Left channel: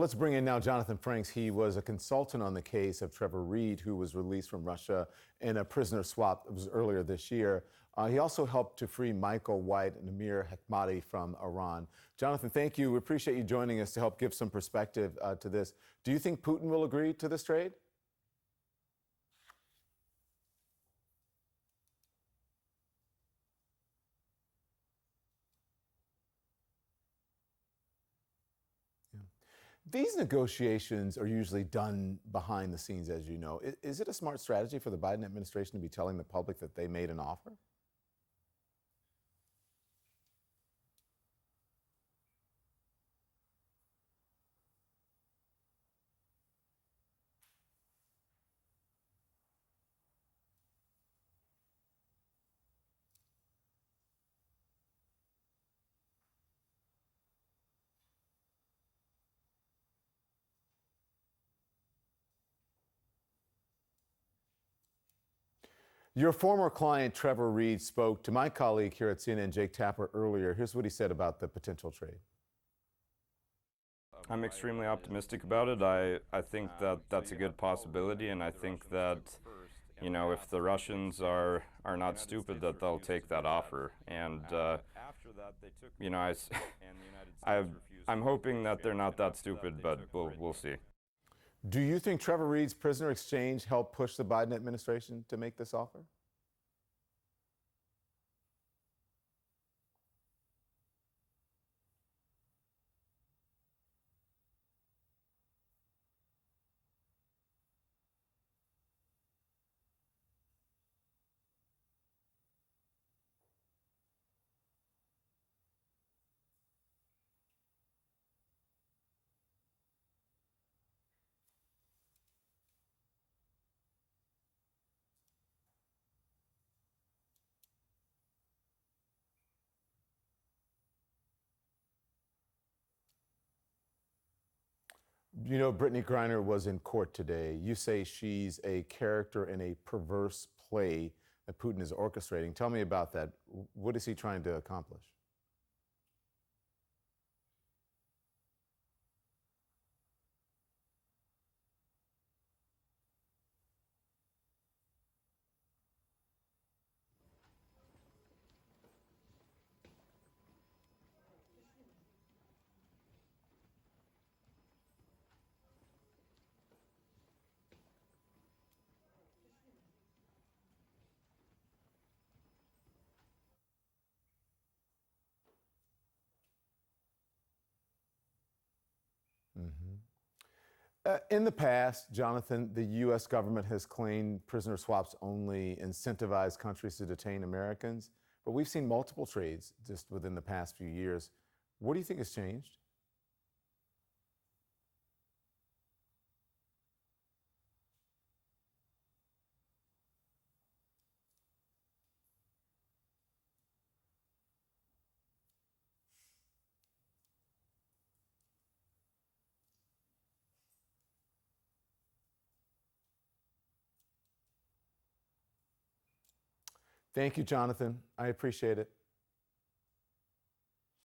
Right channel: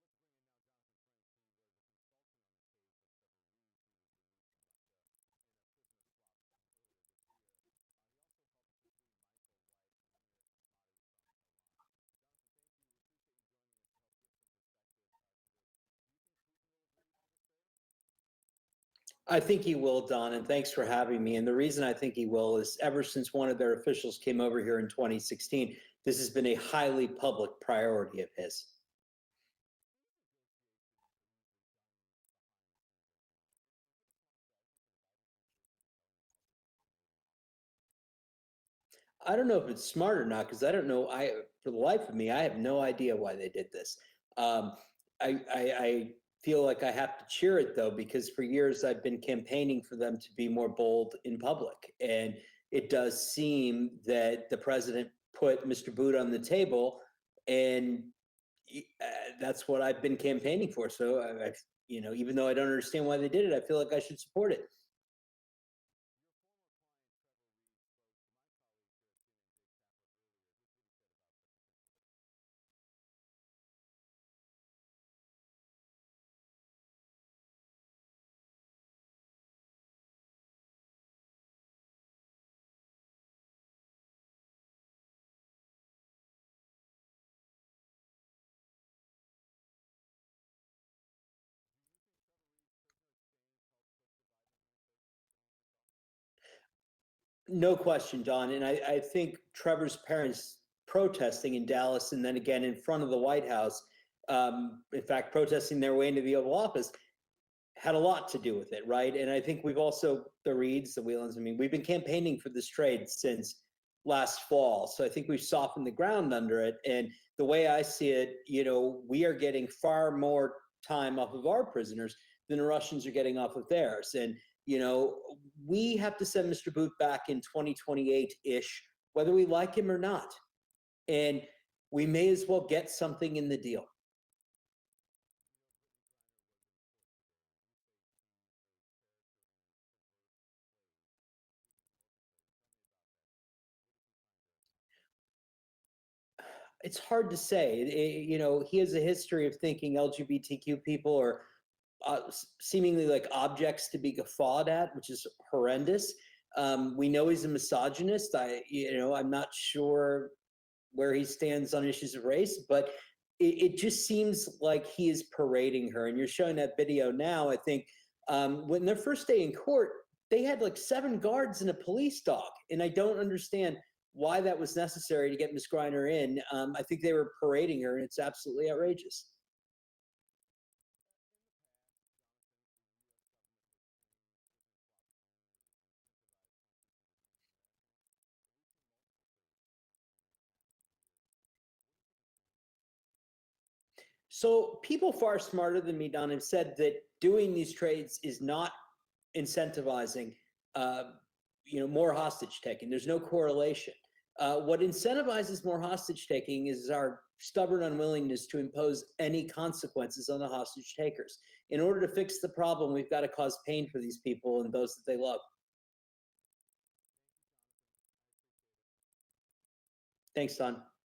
let's bring in now Jonathan Franks. He was a consultant on the case of Trevor Reed, who was released from Russia in a prisoner swap. It was earlier this year. He also helped to free Michael White and Amir Hekmati from Iran. Jonathan, thank you. We appreciate you joining us to help give some perspective to this. Do you think Putin will agree to this trade? I think he will, Don, and thanks for having me. And the reason I think he will is ever since one of their officials came over here in 2016, this has been a highly public priority of his. Yeah. These negotiations are usually done behind the scenes, as you know. Is it a smart strategy for the Biden administration to be telling the public that they made an offer? I don't know if it's smart or not, because I don't know. For the life of me, I have no idea why they did this. I feel like I have to cheer it, though, because for years I've been campaigning for them to be more bold in public. And it does seem that the president put Mr. Bout on the table, and that's what I've been campaigning for. So, even though I don't understand why they did it, I feel like I should support it. Your former client, Trevor Reed, spoke to my colleague here at CNN, Jake Tapper, earlier. Here's what he said about the potential trade. I'm extremely optimistic about it. I think that that's a good possibility, and I think that, if the Russians are not stupid, that they'll take that offer. And, I'm hoping that they're not that stupid, but we'll see. Do you think Trevor Reed's prisoner exchange helped push the Biden administration to make this offer? No question, Don. And I think Trevor's parents protesting in Dallas and then again in front of the White House, in fact, protesting their way into the Oval Office, had a lot to do with it, right? And I think we've also, the Reeds, the Whelans, we've been campaigning for this trade since last fall. So I think we've softened the ground under it. And the way I see it, we are getting far more time off of our prisoners than the Russians are getting off of theirs. And, we have to send Mr. Bout back in 2028-ish, whether we like him or not. And we may as well get something in the deal. Brittney Griner was in court today. You say she's a character in a perverse play that Putin is orchestrating. Tell me about that. What is he trying to accomplish? It's hard to say. He has a history of thinking LGBTQ people are seemingly like objects to be guffawed at, which is horrendous. We know he's a misogynist. I'm not sure where he stands on issues of race, but it just seems like he is parading her. And you're showing that video now. I think when their first day in court, they had like 7 guards and a police dog. And I don't understand why that was necessary to get Ms. Griner in. I think they were parading her, and it's absolutely outrageous. Mm-hmm. In the past, Jonathan, the U.S. government has claimed prisoner swaps only incentivize countries to detain Americans, but we've seen multiple trades just within the past few years. What do you think has changed? So people far smarter than me, Don, have said that doing these trades is not incentivizing, more hostage taking. There's no correlation. What incentivizes more hostage taking is our stubborn unwillingness to impose any consequences on the hostage takers. In order to fix the problem, we've got to cause pain for these people and those that they love. Thank you, Jonathan. I appreciate it. Thanks, Don.